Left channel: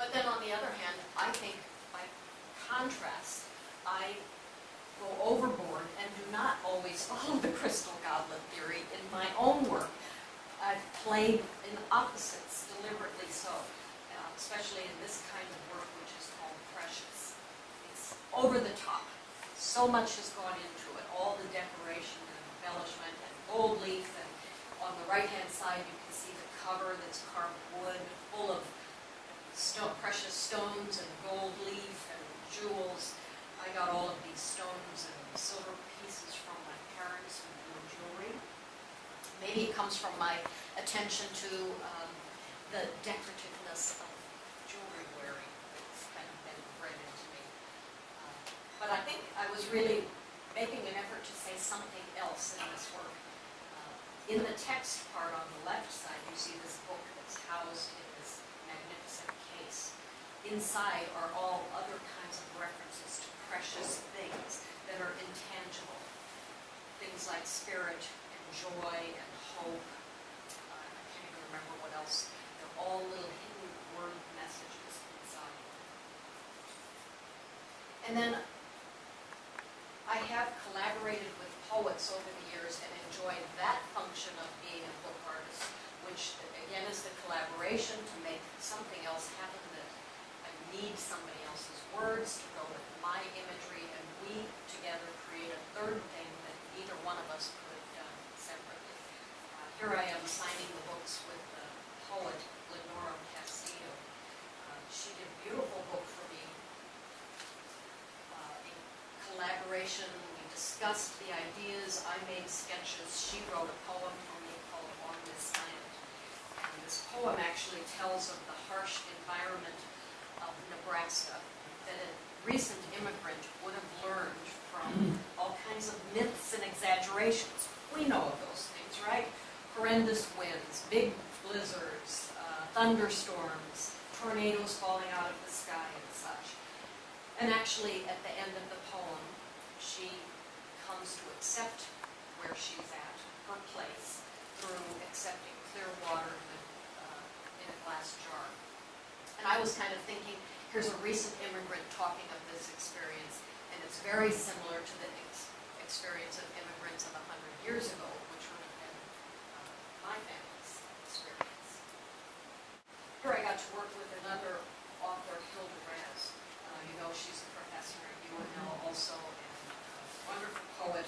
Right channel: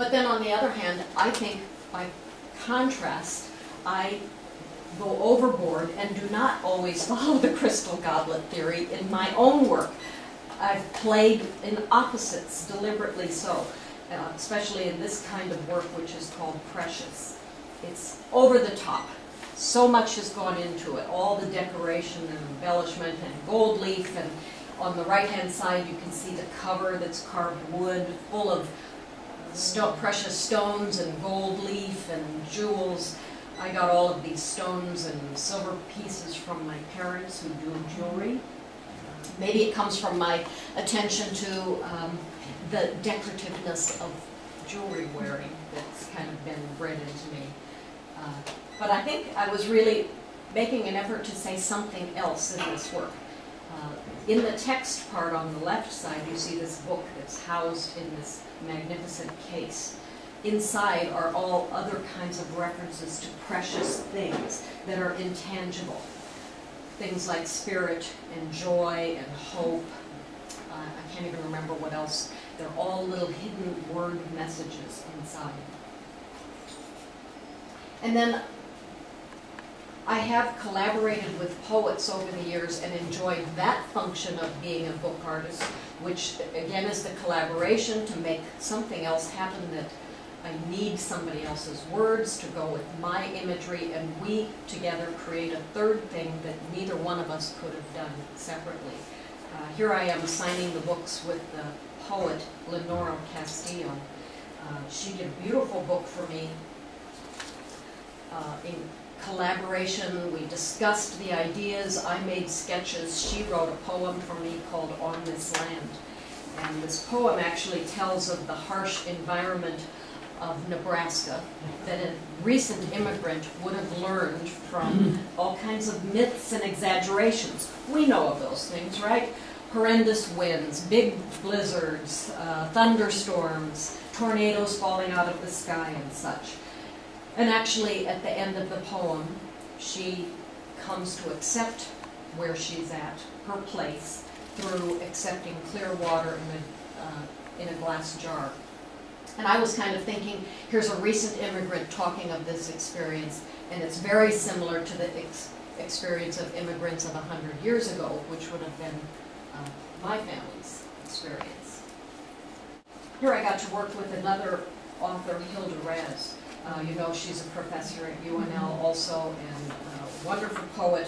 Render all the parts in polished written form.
But then on the other hand, I think by contrast, I go overboard and do not always follow the crystal goblet theory in my own work. I've played in opposites deliberately so, especially in this kind of work which is called precious. It's over the top. So much has gone into it, all the decoration and embellishment and gold leaf, and on the right-hand side you can see the cover that's carved wood, full of precious stones and gold leaf and jewels. I got all of these stones and silver pieces from my parents who do jewelry. Maybe it comes from my attention to the decorativeness of jewelry wearing that's kind of been bred into me. But I think I was really making an effort to say something else in this work. In the text part on the left side, you see this book that's housed in this magnificent case. Inside are all other kinds of references to precious things that are intangible. Things like spirit and joy and hope. I can't even remember what else. They're all little hidden word messages inside. And then I have collaborated with poets over the years and enjoyed that function of being a book artist, which again is the collaboration to make something else happen that I need somebody else's words to go with my imagery, and we together create a third thing that neither one of us could have done separately. Here I am signing the books with the poet Lenora Castillo. She did a beautiful book for me. In collaboration, we discussed the ideas, I made sketches, she wrote a poem for me called On This Land. And this poem actually tells of the harsh environment of Nebraska that a recent immigrant would have learned from all kinds of myths and exaggerations. We know of those things, right? Horrendous winds, big blizzards, thunderstorms, tornadoes falling out of the sky and such. And actually, at the end of the poem, she comes to accept where she's at, her place, through accepting clear water in a glass jar. And I was kind of thinking, here's a recent immigrant talking of this experience, and it's very similar to the experience of immigrants of 100 years ago, which would have been my family's experience. Here I got to work with another author, Hilda Raz. You know, she's a professor at UNL also, and a wonderful poet.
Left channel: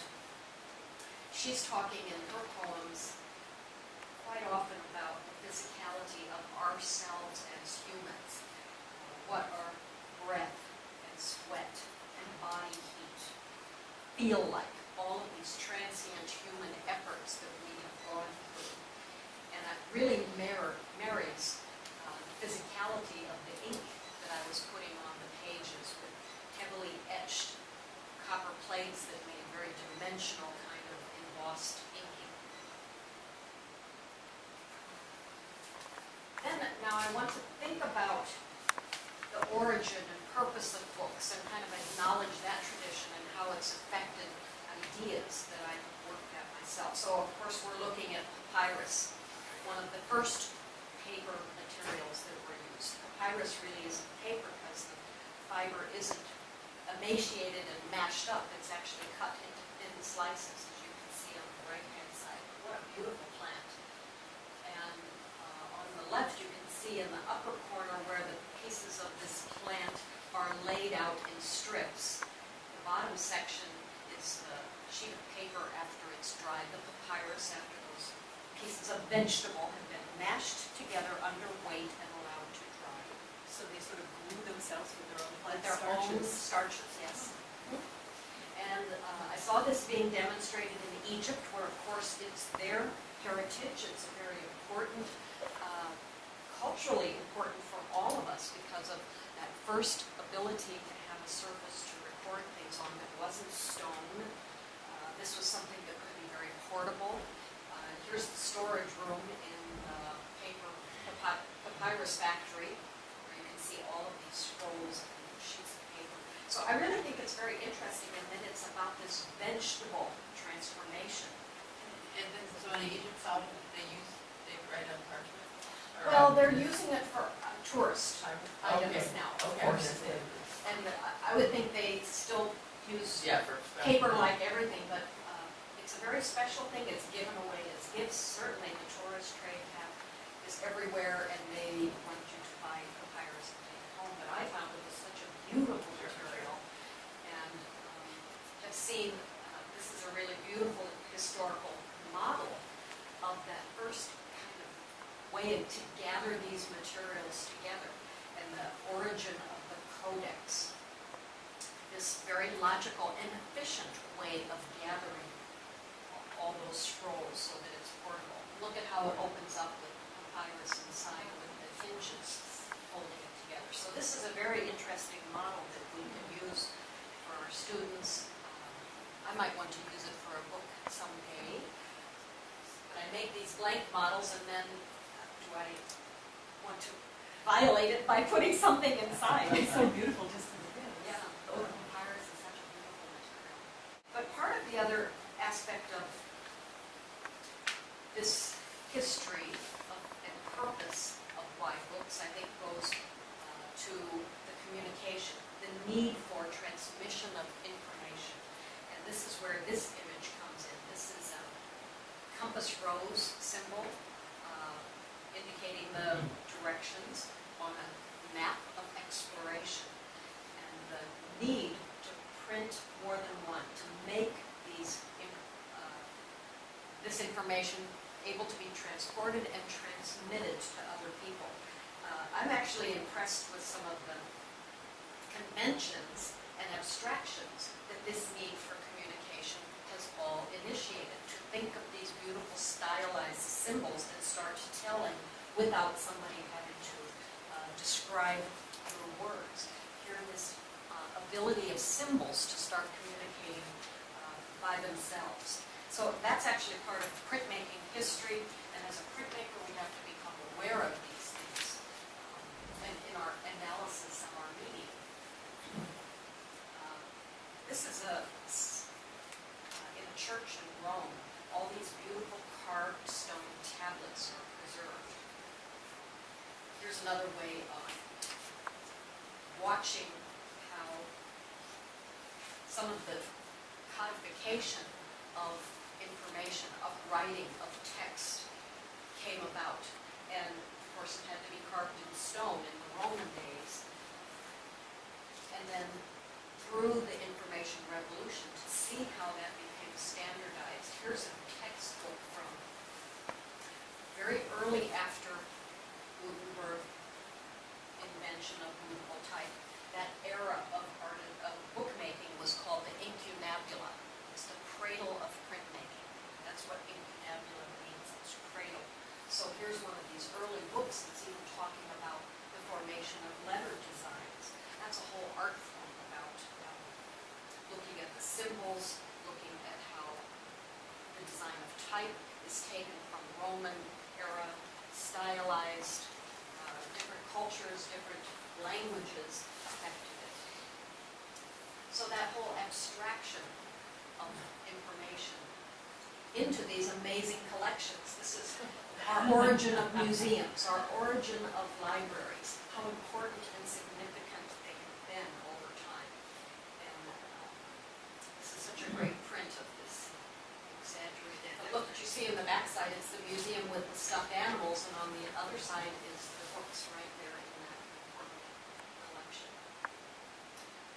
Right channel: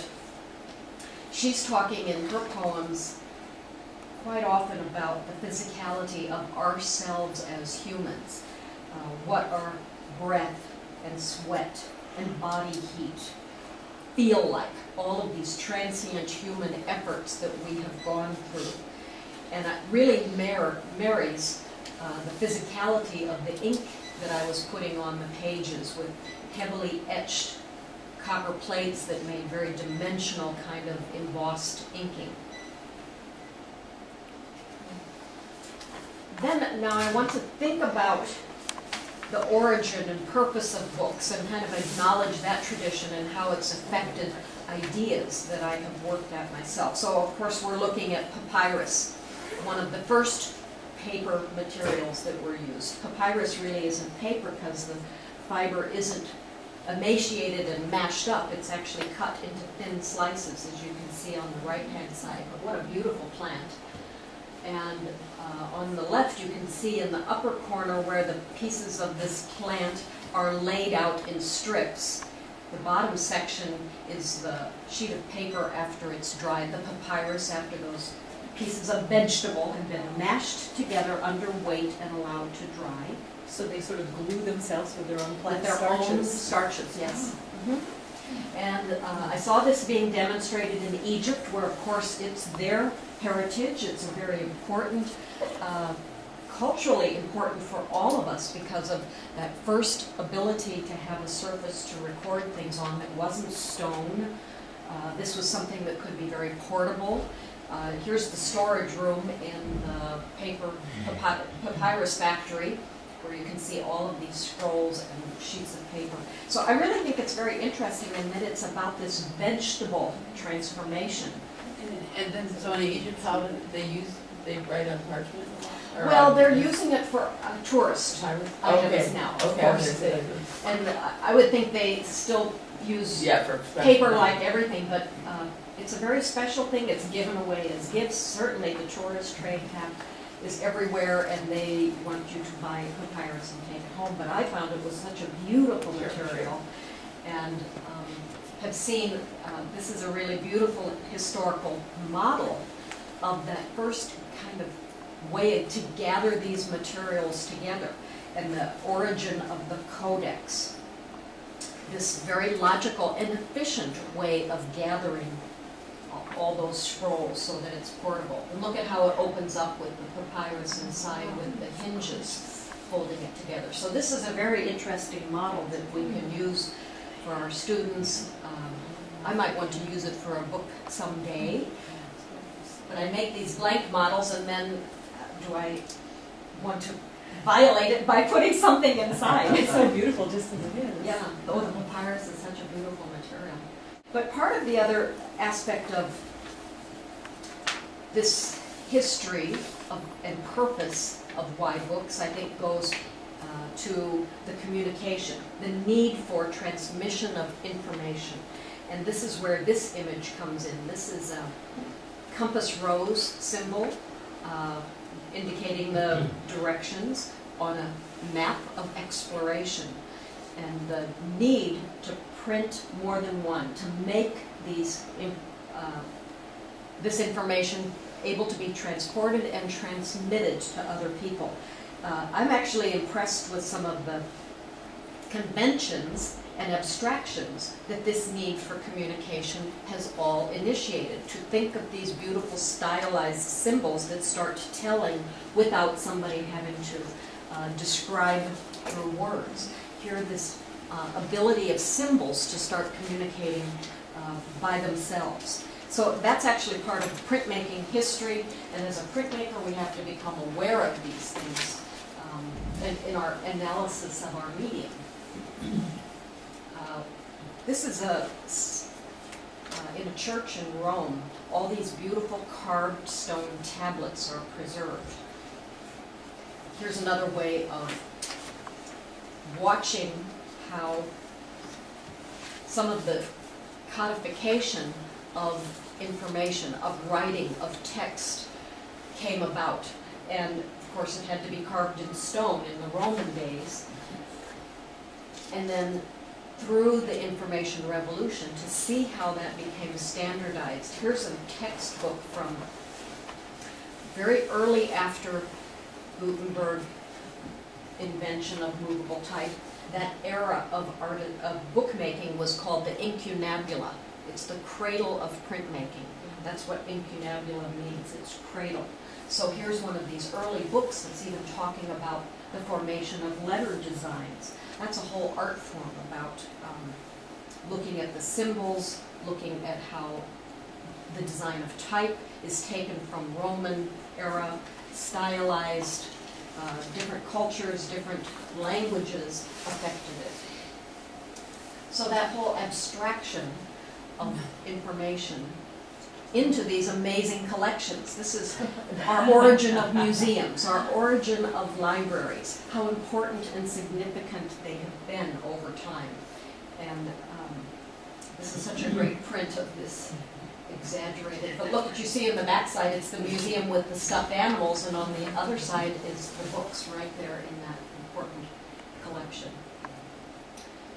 She's talking in her poems quite often about the physicality of ourselves as humans. What our breath and sweat and body heat feel like. All of these transient human efforts that we have gone through. And it really marries the physicality of the ink that I was putting on the pages with heavily etched copper plates that made very dimensional kind of embossed inking. Then, now I want to think about the origin and purpose of books and kind of acknowledge that tradition and how it's affected ideas that I have worked at myself. So, of course, we're looking at papyrus, one of the first paper materials that were used. Papyrus really isn't paper because the fiber isn't emaciated and mashed up. It's actually cut into thin slices, as you can see on the right-hand side. But what a beautiful plant. And on the left, you can see in the upper corner where the pieces of this plant are laid out in strips. The bottom section is the sheet of paper after it's dried, the papyrus after those pieces of vegetable have been mashed together under weight and allowed to dry. So they sort of glue themselves with their own plant starches? With their own starches, yes. And I saw this being demonstrated in Egypt, where of course it's their heritage. It's a very important, culturally important for all of us because of that first ability to have a surface to record things on that wasn't stone. This was something that could be very portable. Here's the storage room in the papyrus factory, where you can see all of these scrolls and sheets of paper. So I really think it's very interesting in that it's about this vegetable transformation. And then, so in Egypt, how do they write on parchment? Or Well, they're using it for tourist items items now, of Okay, course. And I would think they still use yeah, for paper like everything, but it's a very special thing. It's given away as gifts. Certainly the tourist trade is everywhere, and they want you to buy papyrus and take it home. But I found it was such a beautiful material, and have seen, this is a really beautiful historical model of that first kind of way to gather these materials together, and the origin of the codex. This very logical and efficient way of gathering all those scrolls so that it's portable. And look at how it opens up with the papyrus inside with the hinges holding it together. So this is a very interesting model that we can use for our students. I might want to use it for a book someday. But I make these blank models, and then do I want to violate it by putting something inside? It's so beautiful just as it is. Yeah, the papyrus is such a beautiful material. But part of the other aspect of this history and purpose of why books, I think, goes to the communication, the need for transmission of information. And this is where this image comes in. This is a compass rose symbol indicating the directions on a map of exploration, and the need to print more than one, to make these this information able to be transported and transmitted to other people. I'm actually impressed with some of the conventions and abstractions that this need for communication has all initiated. To think of these beautiful stylized symbols that start telling without somebody having to describe through words. Here, this ability of symbols to start communicating by themselves. So that's actually part of printmaking history, and as a printmaker we have to become aware of these things in our analysis of our medium. This is in a church in Rome. All these beautiful carved stone tablets are preserved. Here's another way of watching how some of the codification of information, of writing, of text came about. And of course it had to be carved in stone in the Roman days. And then through the information revolution, to see how that became standardized. Here's a textbook from very early after Gutenberg invention of movable type. That era of bookmaking was called the incunabula. It's the cradle of printmaking. That's what incunabula means, it's cradle. So here's one of these early books that's even talking about the formation of letter designs. That's a whole art form about looking at the symbols, looking at how the design of type is taken from Roman era, stylized, different cultures, different languages affected it. So that whole abstraction of information into these amazing collections. This is our origin of museums, our origin of libraries, how important and significant they have been over time. And this is such a great print of this exaggerated, but look what you see in the back side, it's the museum with the stuffed animals, and on the other side is the books right there in that important collection.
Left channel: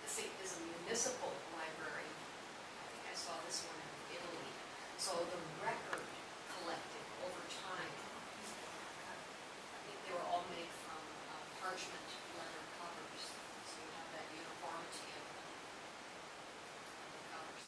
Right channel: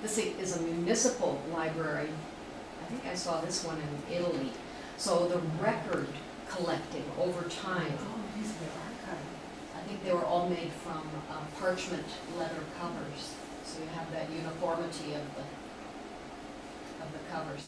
This is a municipal library. I think I saw this one in Italy. So the record collecting over time. Oh, these are the archive. I think they were all made from parchment leather covers. So you have that uniformity of the covers.